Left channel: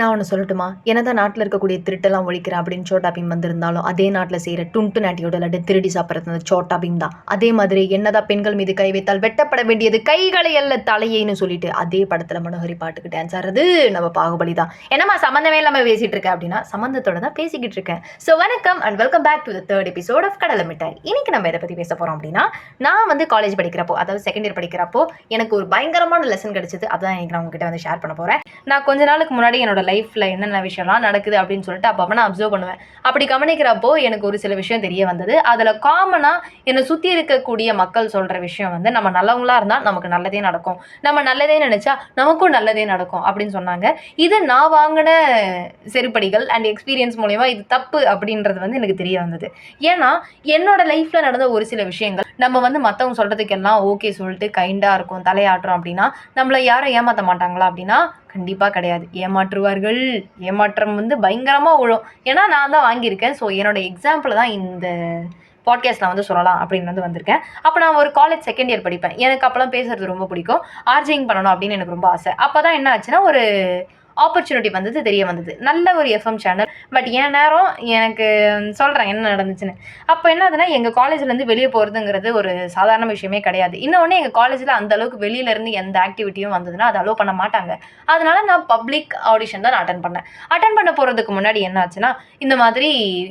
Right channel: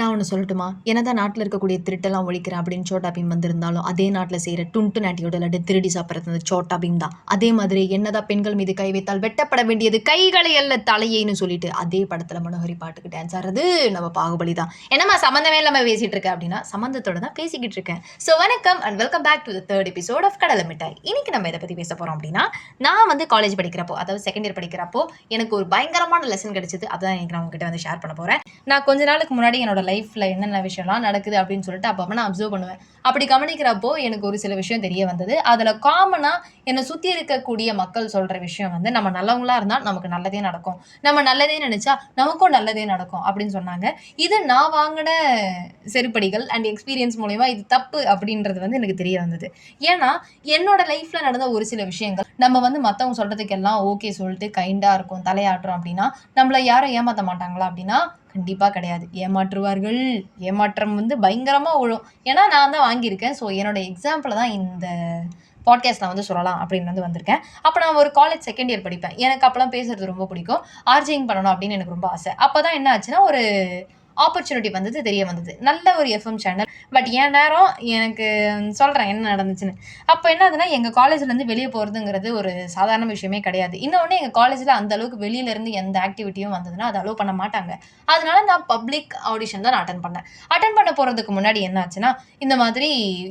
நான் ஒண்ணு சொல்லட்டுமா? என்னதான் நாட்டுல இருக்கக்கூடிய திருட்டெல்லாம் ஒழிக்கிறேன் அப்படின்னு சோட்டா பீம் வந்திருந்தாலும், அதே நாட்டுல செய்ற டுன்ட்டு நாட்டியோட லட்டு திருடி சாப்பிடுறது அந்த சோட்டா பீம் தான். அதே மாதிரி என்னதான் பெண்கள் மீது கை வைத்தால் வெட்டப்பட வேண்டியது கைகளை அல்ல தலையைன்னு சொல்லிட்டு, அதே படத்துல மனோஹரி பாட்டுக்கு டான்ஸ் ஆடுறது நம்ம பாகுபலி தான். என்னம்மா சம்மந்தமே இல்லாம பேசிட்டு இருக்க அப்படின்னா, சம்மந்தத்தோட தான் பேசிக்கிட்டு இருக்கேன். ஸோ வணக்கம் and welcome back to the 3rd episode of Kadalai Mittai. இன்னைக்கு நம்ம எத பத்தி பேச போறோம் அப்படின்னா, நான் வந்து காலேஜ் படிக்கிறப்போ, அதாவது செகண்ட் இயர் படிக்கிறப்போ, எனக்கு ஒரு பயங்கரமான லெசன் கிடைச்சது. அதான் இன்னைக்கு நான் உங்ககிட்ட வந்து ஷேர் பண்ண போறேன். நான் கொஞ்ச நாளுக்கு முன்னாடி என்னோட லைஃப்ல என்னென்ன விஷயம்லாம் நடக்குது அப்படின்னு சொல்லிட்டு அப்பப்போ நான் அப்சர்வ் பண்ணுவேன். அப்படி கவனிக்கிறப்போ எனக்கு ஒரு சில விஷயம் தெரிய வந்தது. அதில் காமனாக என்னை சுற்றி இருக்கக்கூடிய மக்கள் சொல்கிற விஷயம் வந்து நம்ம நல்லவங்களா இருந்தால் நமக்கு நல்லதே நடக்கும், நம்ம நல்லதே நினச்சா நமக்கும் நல்லதே நடக்கும் அப்படின்னு சொன்னாங்க. இதை நான் வாங்கின செருப்படிகள் அண்ட் எக்ஸ்பீரியன்ஸ் மூலயமா இது தப்பு அப்படின்றது வந்து எனக்கு தெரிய வந்தது. ஏன்னா என்னோட லைஃப்பில் நடந்த ஒரு சில விஷயங்கள் நம்ம வந்து மற்றவங்க சொல்கிறதுக்கெல்லாம் ஓகே சொல்லிட்டு கைண்டாக இருக்கும் தலையாட்டுறோம் அப்படின்னா நம்மளை யாரும் ஏமாற்ற மாட்டாங்களா அப்படின்னா கண்டிப்பா கிடையாது. ஏமாற்றுவார்கள். ஏமாற்றம் வந்து பயங்கரமா விழும். ஏன்னா நான் தான் வாங்கியிருக்கேன். ஸோ என்னோட எக்ஸாம்பிள தான் இந்த பாட்காஸ்ட் நான் வந்து சொல்லலாம் அப்படின்னு வந்து வந்திருக்கேன். அப்போ நான் ஒரு காலேஜ் செகண்ட் இயர் படிப்பேன். எனக்கு அப்போலாம் பேசுறது ரொம்ப பிடிக்கும். ஆர்ஜேயிங் பண்ணணும் அப்படின்னு எனக்கு ரொம்ப ஆசை. அப்பதான் என்ன ஆச்சுன்னா ஒரு ஆப்பர்ச்சுனிட்டி வந்தது, தெரிய வந்தது. நல்ல ஒரு எஃப்எம் சேனல். பட் என் நேரம் எனக்கு சொல்கிறேன் என்ன நடந்துச்சுன்னு. அப்போ என்ன ஆகுதுன்னா, எங்கள் காலேஜ்லேருந்து வெளியே போகிறதுங்கிறது ஒரு சாதாரண விஷயமே கிடையாது. இன்னொன்று எங்கள் காலேஜில் அந்த அளவுக்கு வெளியிலேருந்து எந்த ஆக்டிவிட்டியும் வந்ததுன்னா அதை அலோவ் பண்ண மாட்டாங்க. அதனால நான் பப்ளிக் ஆடிஷன் தான் நான் அட்டன் பண்ணேன். அட்டன் பண்ண போகிறதுக்கு முன்னாடி என்ன ஆச்சுன்னா, இந்த மாதிரி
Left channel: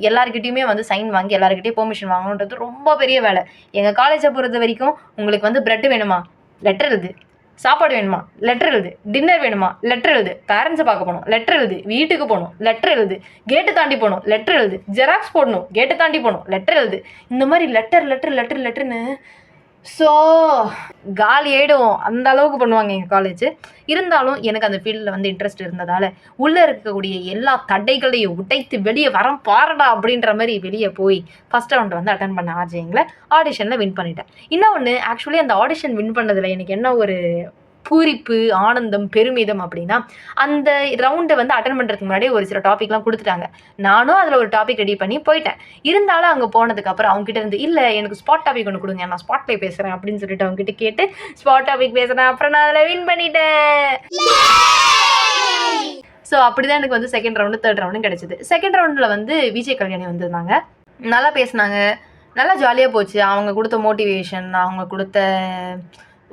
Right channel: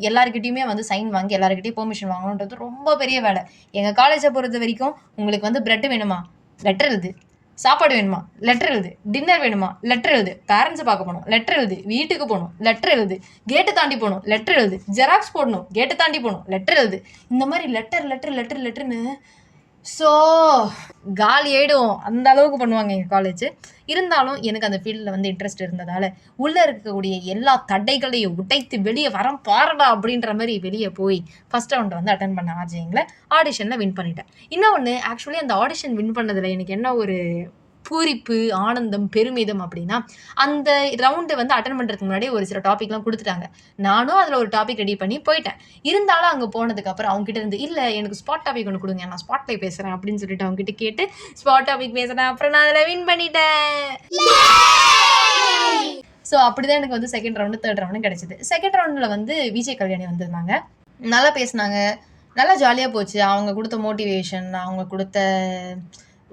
எல்லாருக்கிட்டையுமே வந்து சைன் வாங்கி எல்லாருக்கிட்டையும் பெர்மிஷன் வாங்கணுன்றது ரொம்ப பெரிய வேலை. எங்கள் காலேஜை பொறுத்த வரைக்கும் உங்களுக்கு வந்து பிரெட் வேணுமா, லெட்டர் எழுது. சாப்பாடு வேணுமா, லெட்டர் எழுது. டின்னர் வேணுமா, லெட்டர் எழுது. பேரண்ட்ஸை பார்க்க போகணும், லெட்டர் எழுது. வீட்டுக்கு போகணும், லெட்டர் எழுது. கேட்டு தாண்டி போகணும், லெட்டர் எழுது. ஜெராக்ஸ் போடணும், கேட்டு தாண்டி போகணும், லெட்டர் எழுது. இந்த மாதிரி லெட்டர் லெட்டர் லெட்டர் லெட்டர்னு ஸோ காலி ஆகிடும். அந்த அளவுக்கு பண்ணுவாங்க எங்கள் காலேஜ். இருந்தாலும் எனக்கு அந்த ஃபீல்டில் வந்து இன்ட்ரெஸ்ட் இருந்ததால் உள்ளே இருக்கக்கூடிய எல்லா தடைகளையும் உடைத்து வெளியே வரம் பாருடா அப்படின்ற மாதிரி வெளியே போய் ஃபஸ்ட் ரவுண்ட் வந்து அட்டன் பண்ண ஆர்ஜேயிங்கில் ஆடிஷனில் வின் பண்ணிட்டேன். இன்னொன்று ஆக்சுவலி அந்த ஆடிஷன் வின் பண்ணதில் எனக்கு என்ன ஒரு பூரிப்பு, ஆனந்தம், பெருமிதம் அப்படின்னா, அந்த ரவுண்டை வந்து அட்டன் பண்ணுறதுக்கு முன்னாடி ஒரு சில டாபிக்லாம் கொடுத்துட்டாங்க. நானும் அதில் ஒரு டாபிக் ரெடி பண்ணி போயிட்டேன். இருந்தாலும் அங்கே போனதுக்கப்புறம் அவங்ககிட்ட இருந்து இல்லை எனக்கு ஸ்பாட் டாபிக் ஒன்று கொடுங்க, நான் ஸ்பாட்ல பேசுகிறேன் அப்படின்னு சொல்லிட்டு அவங்ககிட்ட கேட்டு ஸ்பாட் டாபிக் பேசுகிறேன். அப்புறம் நான் அதில் வின் பண்ணிட்டேன். ஸோ அப்படிதான் எனக்கு வந்து செகண்ட் ரவுண்டு தேர்ட் ரவுண்டும் கிடைச்சிது. செகண்ட் ரவுண்டில் வந்து விஜய் கல்யாணி வந்திருந்தாங்க. நல்லா பேசினாங்க, நல்லா ஜாலியாக போச்சு. அவங்க கொடுத்த மோட்டிவேஷன், அவங்க கொடுத்த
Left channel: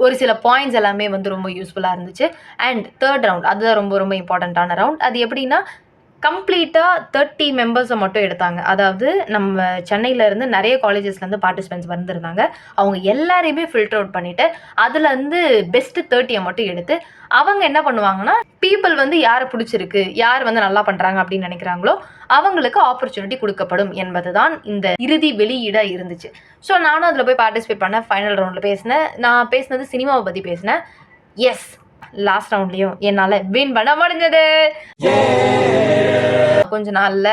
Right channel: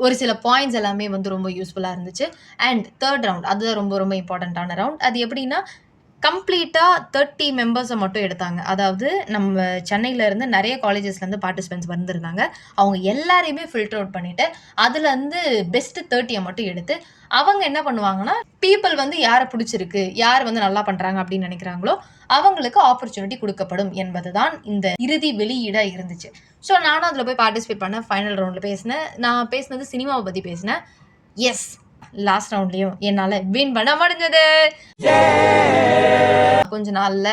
ஒரு சில பாயிண்ட்ஸ் எல்லாமே வந்து ரொம்ப யூஸ்ஃபுல்லாக இருந்துச்சு. அண்ட் தேர்ட் ரவுண்ட் அதுதான் ரொம்ப ரொம்ப இம்பார்ட்டண்ட்டான ரவுண்ட். அது எப்படின்னா கம்ப்ளீட்டாக 30 மெம்பர்ஸை மட்டும் எடுத்தாங்க. அதாவது நம்ம சென்னையிலேருந்து நிறைய காலேஜஸ்லேருந்து பார்ட்டிசிபென்ட்ஸ் வந்திருந்தாங்க. அவங்க எல்லாரையுமே ஃபில்டர் அவுட் பண்ணிவிட்டு அதுலேருந்து பெஸ்ட்டு 30 மட்டும் எடுத்து அவங்க என்ன பண்ணுவாங்கன்னா பீப்புள் வந்து யாரை பிடிச்சிருக்கு, யார் வந்து நல்லா பண்ணுறாங்க அப்படின்னு நினைக்கிறாங்களோ அவங்களுக்கு ஆப்பர்ச்சுனிட்டி கொடுக்கப்படும் என்பது தான் இந்த இறுதி வெளியீடாக இருந்துச்சு. ஸோ நானும் அதில் போய் பார்ட்டிசிபேட் பண்ணேன். ஃபைனல் ரவுண்டில் பேசினேன். நான் பேசினது சினிமாவை பற்றி பேசினேன். எஸ், லாஸ்ட் ரவுண்ட்லேயும் என்னால் வின் பண்ண முடிஞ்சது. கொஞ்ச நாளில்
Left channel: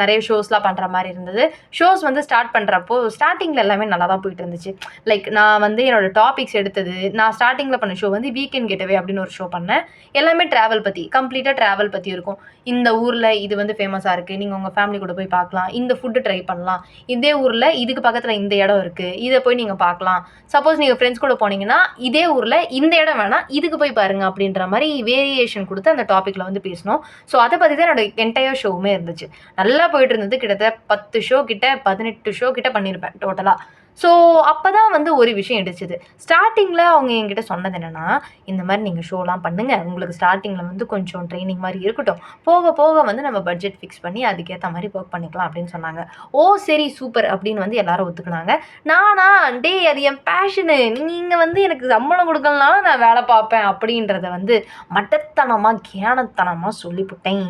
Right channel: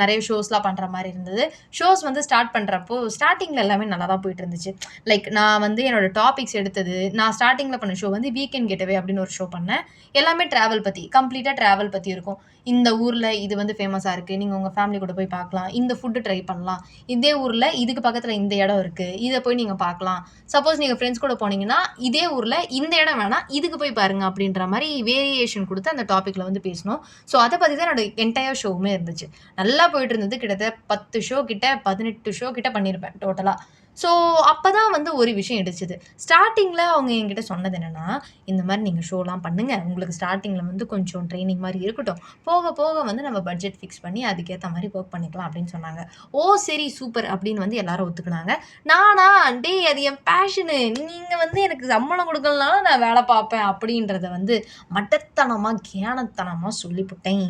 நிறைய ஷோஸ்லாம் பண்ணுற மாதிரி இருந்தது. ஷோஸ் வந்து ஸ்டார்ட் பண்ணுறப்போ ஸ்டார்டிங்கில் எல்லாமே நல்லா தான் போயிட்டு இருந்துச்சு. லைக் நான் வந்து என்னோடய டாபிக்ஸ் எடுத்தது, நான் ஸ்டார்டிங்கில் பண்ண ஷோ வந்து வீக்கெண்ட் கெட்டவே அப்படின்னு ஒரு ஷோ பண்ணேன். எல்லாமே ட்ராவல் பற்றி, கம்ப்ளீட்டாக ட்ராவல் பற்றி இருக்கும். இந்த ஊரில் இது வந்து ஃபேமஸாக இருக்குது, நீங்கள் உங்கள் ஃபேமிலி கூட போய் பார்க்கலாம். இந்த ஃபுட்டு ட்ரை பண்ணலாம். இதே ஊரில் இதுக்கு பக்கத்தில் இந்த இடம் இருக்குது, இதை போய் நீங்கள் பார்க்கலாம். சப்போஸ் நீங்கள் ஃப்ரெண்ட்ஸ் கூட போனீங்கன்னா இதே ஊரில் இந்த இடம் வேணாம், இதுக்கு போய் பாருங்கள் அப்படின்ற மாதிரி வேரியேஷன் கொடுத்து அந்த டாப்பிக்கில் வந்து பேசணும். ஸோ அதை பற்றி தான் என்னோட என்டையர் ஷோவுமே இருந்துச்சு. நல்லா போயிட்டு இருந்தது. கிட்டத்தட்ட 10 ஷோ கிட்ட 18 ஷோ கிட்ட பண்ணியிருப்பேன் டோட்டலாக. ஸோ அப்போ தான் வந்து ஒரு விஷயம் இடிச்சுது. ஸ்டார்டிங்கில் அவங்க என்கிட்ட சொன்னது என்னென்னா, இந்த மாதிரி நீங்கள் ஷோலாம் பண்ணுங்கள், உங்களுக்கு ஸ்டார்டிங்கில் வந்து கொஞ்சம் ட்ரைனிங் மாதிரி இருக்கட்டும், போக போக வந்து நம்ம பட்ஜெட் ஃபிக்ஸ் பண்ணி அதுக்கேற்ற மாதிரி ஒர்க் பண்ணிக்கலாம் அப்படின்னு சொன்னாங்க. ஓ சரி சூப்பர் அப்படின்னு வந்து எல்லாரும் ஒத்துக்கினாங்க. நானா டே அது என் பேஷனு, நீங்கள் வந்து எனக்கு சம்பளம் கொடுக்கலனாலும் நான் வேலை பார்ப்பேன் அப்படின்றத வந்து மட்டத்தனமாக கேனத்தனமாக சொல்லிவிட்டேன்.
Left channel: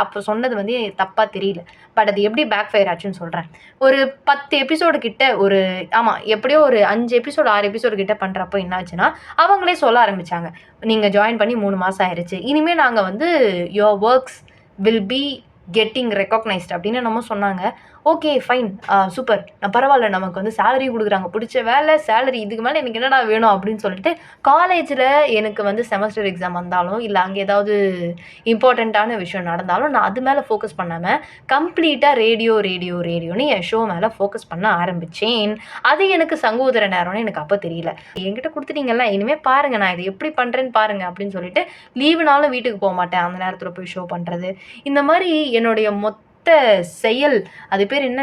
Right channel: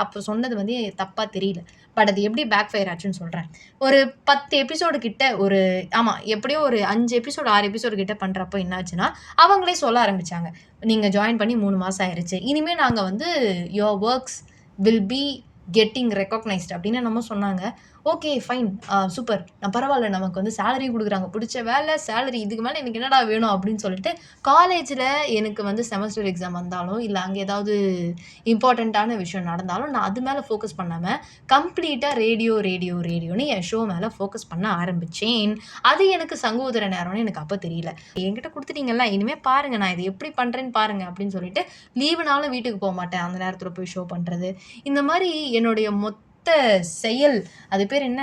அப்போ சொன்னது வந்து தப்பாக தெரியல. பட் அது எப்படி பேக் ஃபயர் ஆச்சுன்னு சொல்கிறேன். ஒரு 10 எபிசோடு கிட்ட எப்படியோ ஒரு 5 எபிசோடு 6 எபிசோடு கிட்ட பண்ணுறப்போ என்னாச்சுன்னா அவங்களே சொல்ல ஆரம்பித்தாங்க, நீங்கள் ஜாயின் பண்ணி 3 மாதம் ஆயிடுச்சு, இனிமேல் நாங்கள் வந்து your works will be getting recognised அப்படின்னு நம்ம சொன்னாங்க. ஓகே ஃபைன், சூப்பர், நான் பரவாயில்ல, நமக்கு வந்து சேலரி குடுக்குறாங்க, பிடிச்ச வேலை, சேலரி, இதுக்கு மேல எனக்கு என்னடா வேணும் அப்படின்னு சொல்லிட்டு, காலேஜ்ல எனக்கு வந்து செமஸ்டர் எக்ஸாம் வந்தாலும், இல்ல அங்க ஏதாவது இம்பார்ட்டன்ட்டான விஷயம் நடந்தாலும், நான் அது மேல ஃபோக்கஸ் பண்ணாம, கம்ப்ளீட்டா ரேடியோன்னு என் ஷோ மேல ஃபோக்கஸ் பண்ண ஆரம்பிச்சேன். அது எனக்கு சங்கோதர நேரம்னு எனக்கு அப்ப தெரியல. என்கிட்ட குடுத்துட்டீங்கல்ல, இனிமே பாருங்க, நான் இத எப்படி பண்றேன்னு பாருங்க அப்படின்னு சொல்லிட்டு, லீவுனாலும் வீட்டுக்கு போமாட்டேன். அந்த நேரத்துல போய் ஷோ பண்றது. இந்த மாரி என்னுடைய செயல், அது பேர் என்ன?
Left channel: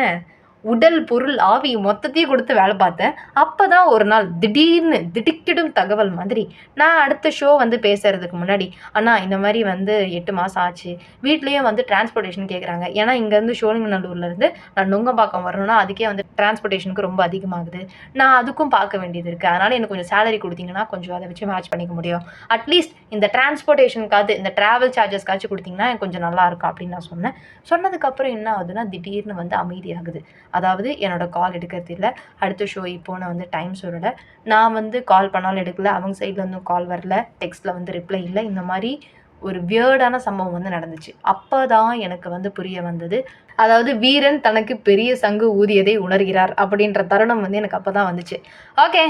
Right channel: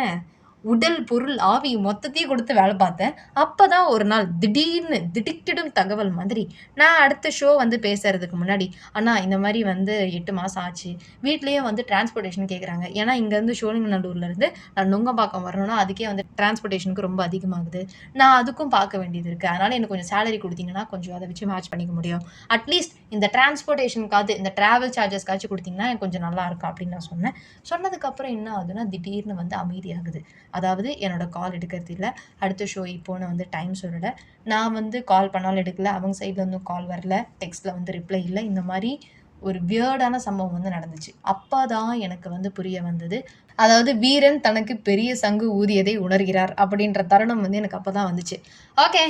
உடல், பொருள், ஆவி மொத்தத்தையும் குடுத்து வேல பார்த்தேன். அப்பதான் ஒரு நாள் திடீர்னு திடுக்கிடும் தகவல் மாதிரி, நான் அடுத்த ஷோ வந்து பேசுறதுக்கு முன்னாடி, "அண்ணா இந்த மாரி வந்து 8 மாசம் ஆச்சு. வீட்லயே வந்து டிரான்ஸ்போர்டேஷன் கேட்குறாங்க. ஏன்னா இங்கருந்து சோழிங்கநல்லூர்லருந்து நான் நுங்கம்பாக்கம் வரணும்னா, அதுக்கே வந்து டிரான்ஸ்போர்டேஷனுக்கு ரொம்ப அதிகமாகுது. நான் அதுக்கும் பார்க்க வேண்டியது இருக்கு. அதனால எனக்கு கொஞ்சம் சேலரி குடுத்தீங்கன்னா, கொஞ்சம் அத வச்சு மேட்ச் பண்ணிக்க முடியும். அட்லீஸ்ட் இந்த டிரான்ஸ்போர்டேஷனுக்காவது, இந்த டிராவல் சார்ஜஸ்க்காச்சும் குடுத்தீங்கன்னா, எனக்கு கொஞ்சம் நல்லாருக்கும்." அப்படின்னு நான் சொன்னேன். சொன்னதுக்கப்புறம் என்ன ஆகுதுன்னா, திடீர்னு வந்து அமைதியாகுது. அதாவது என்னோட கால் எடுக்கிறது இல்ல. அடுத்த ஷோ இப்போ நான் வந்து டைம் சொல்லல. நான் வந்து கால் பண்ணாலும் எடுக்கல. அவங்க சைட்ல இருந்தும் கால் வரல. டெக்ஸ்ட்ல வந்து ரிப்ளை இல்ல. இந்த மாரி ஒரு வியர்டான சம்பவம் வந்து நடந்துச்சு. அப்பதான் எனக்கு வந்து புரிய வந்தது. அதாவது வீரன் தனக்கு பெரிய சங்கு ஊதியதை உணர்கிறார் அப்படின்ற தருணம் வந்து எனக்கு அப்பதான் வந்துச்சு. ஓகே.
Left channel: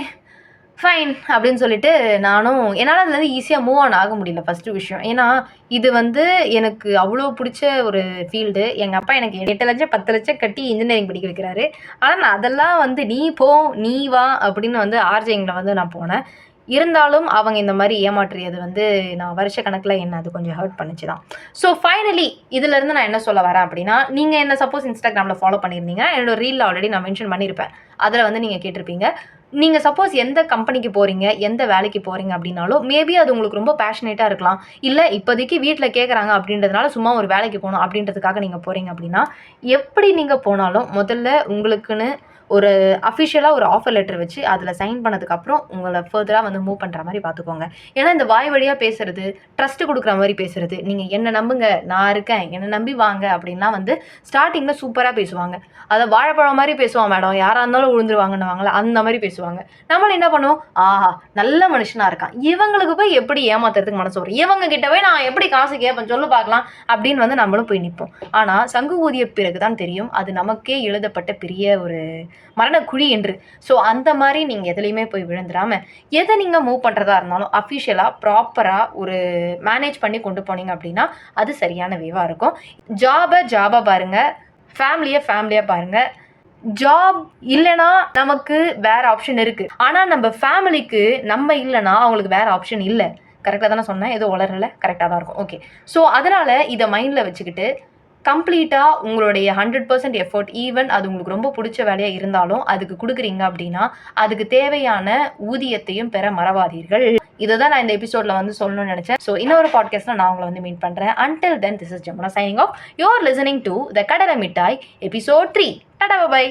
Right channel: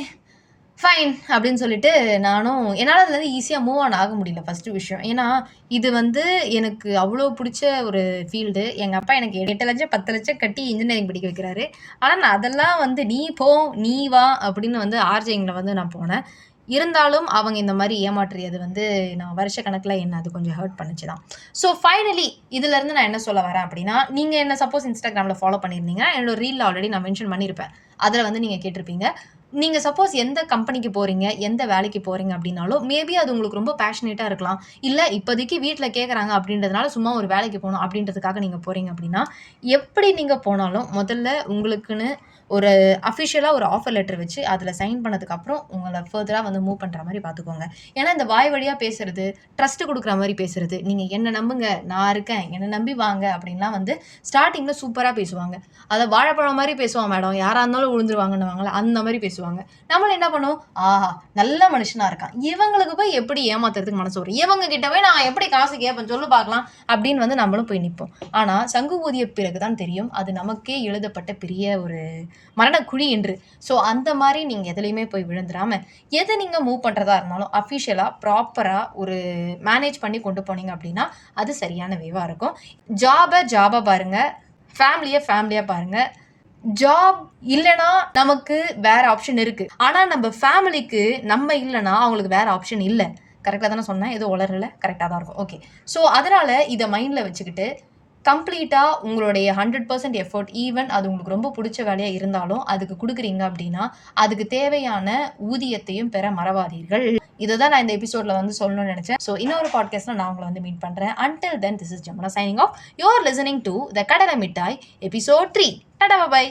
ஃபைன் அப்படின்னு சொல்லிட்டு நானும் என்னால அதுலருந்து ஈஸியா மூவ் ஆன் ஆக முடியல ஃபர்ஸ்ட்டு விஷயம். ஏன்னா, இது வந்து எனக்கு அவ்ளோ புடிச்ச ஒரு ஃபீல்டு. எங்க அப்பா எனக்கு 8,00,000 10,00,000 கட்டி இன்ஜினியரிங் படிக்க வைக்கிறாரு. ஆனா, நான் அதெல்லாம் வந்து "நீ போ, நீ வா" அப்படின்னு வந்து ஆர்ஜேயிங்ல வந்து நான் போனேன். இருந்தாலும் அவங்க இந்த மாரி ஏமாற்றியது வந்து நான் வருஷ கணக்குல என்ன அது கொஞ்சம் ஹர்ட் பண்ணுச்சு தான். ஸோ ஃபைனலி இதுலருந்து நான் என்ன சொல்ல வரேன் அப்படின்னா, நீங்க என்ன சப்போஸ் Instagramல ஃபாலோ பண்ணியிருந்தீங்கன்னா, என்னோட ரீல்ல ஆல்ரெடி நான் மென்ஷன் பண்ணியிருப்பேன். அதுல வந்து நீங்க கேட்டிருப்பீங்க. நீங்க சப்போஸ் எந்த கம்பெனிக்கு போறீங்க, எந்த வேலைக்கு போறீங்க அப்படின்னாலும், மேபி அது உங்களுக்கு ரொம்ப பேஷனேட்டா இருக்கலாம். இல்ல இப்போதைக்கு வீட்ல கேட்கறாங்க அப்படின்றதுனால சும்மா ஒரு வேலைக்கு போணும் அப்படின்றதுக்காக நீங்க போறீங்க அப்படின்னா, எப்படி நீங்க போனாலும் முதல்ல உங்களுக்குன்னு ஒரு அஃபிஷியலா ஒரு ஆஃபர் லெட்டர் வச்சு அதில சைன் பண்ணதுக்கப்புறம் உங்கள ஃபர்தரா வந்து மூவ் பண்ற மாரி பார்த்துக்கோங்க. ஏன்னா இந்த வாய் வழியா பேசுறது, ட்ரஸ்ட் குடுக்குற மாரி பேசுறது, நீங்க என்ன நம்புங்க, நான் இருக்கேன், என்ன நம்பி வாங்க அப்படின்லாம் வந்து ஸ்டார்ட்டிங்ல சூப்பரா பேசுவாங்க. அத வாழைப்பழம் மாரி பேசுவான் மேடம், யாரா இருந்தாலும் விழுந்துருவாங்கன்னுவாங்கல்ல, அந்த மாரி பேசுவாங்க. நம்மளும் என்ன பண்ணுவோம், ஆஹா! நல்ல மனுஷனா இருக்கான். இவங்களுக்கு போய் எப்படி ஏமாத்துறதுக்கு மனசு வரும்? இவங்க கிட்ட போய் நான் எப்படி காசு கேட்பேன் சொல்லு பார்க்கலாம், அப்படின்னு வந்து நம்மளும் போய் நிப்போம். ஆனா, சங்கு ஊதிய பிறகு தான் தெரியும், அது நமக்கே எழுதப்பட்ட பெரிய ஒரு மரணக்குழி என்று. ஸோ, அந்த மாரி நீங்க எதுலயுமே போய் விழுந்துராம, எத நீங்க மூவ் பண்றதா இருந்தாலும் அஃபிஷியலா, ப்ராப்பரா ஒரு மேனேஜ் பண்ணி கொண்டு போனீங்க அப்படின்னா, அது சரியான வேவா இருக்கும். ஜாபா பாருங்க. ஃபேமிலியா பாருங்க. ஜாப் இல்லன்னா, நமக்கு வேற ஆப்ஷன் இருக்கு. ஆனா, நம்ப ஃபேமிலிக்கு நம்ம இல்லன்னா, அவங்களுக்கு வேற ஆப்ஷன் இல்ல. கரெக்ட்டா தானே சொன்னேன்? எதுவும் உளறல? கரெக்ட்டா தான் இருக்கும். ஓகே. ஸோ, அதனால இத மைண்ட்ல வச்சுக்கிட்டு, கம்ப்ளீட்டா உங்களுடைய 100% எஃபோர்ட் ஈவன் அது உங்களுக்கு ரொம்ப புடிச்ச வேலையா இருந்தாலும், அதுக்கு குடுக்குறீங்க அப்டின்னா, அதுக்கு தேவையான ஊதியத்தையும் பெற மறவாதீர்கள். இத தான் நான் இந்த எபிசோட்ல வந்து சொல்லணும்னு நெனச்சேன். ஸோ, இன்னொரு பாட்காஸ்ட்ல நான் உங்கள வந்து மீட் பண்றேன். Until then this is Jamuna signing off. You are listening to the Kadala Mittai episode 3. Tata! By by.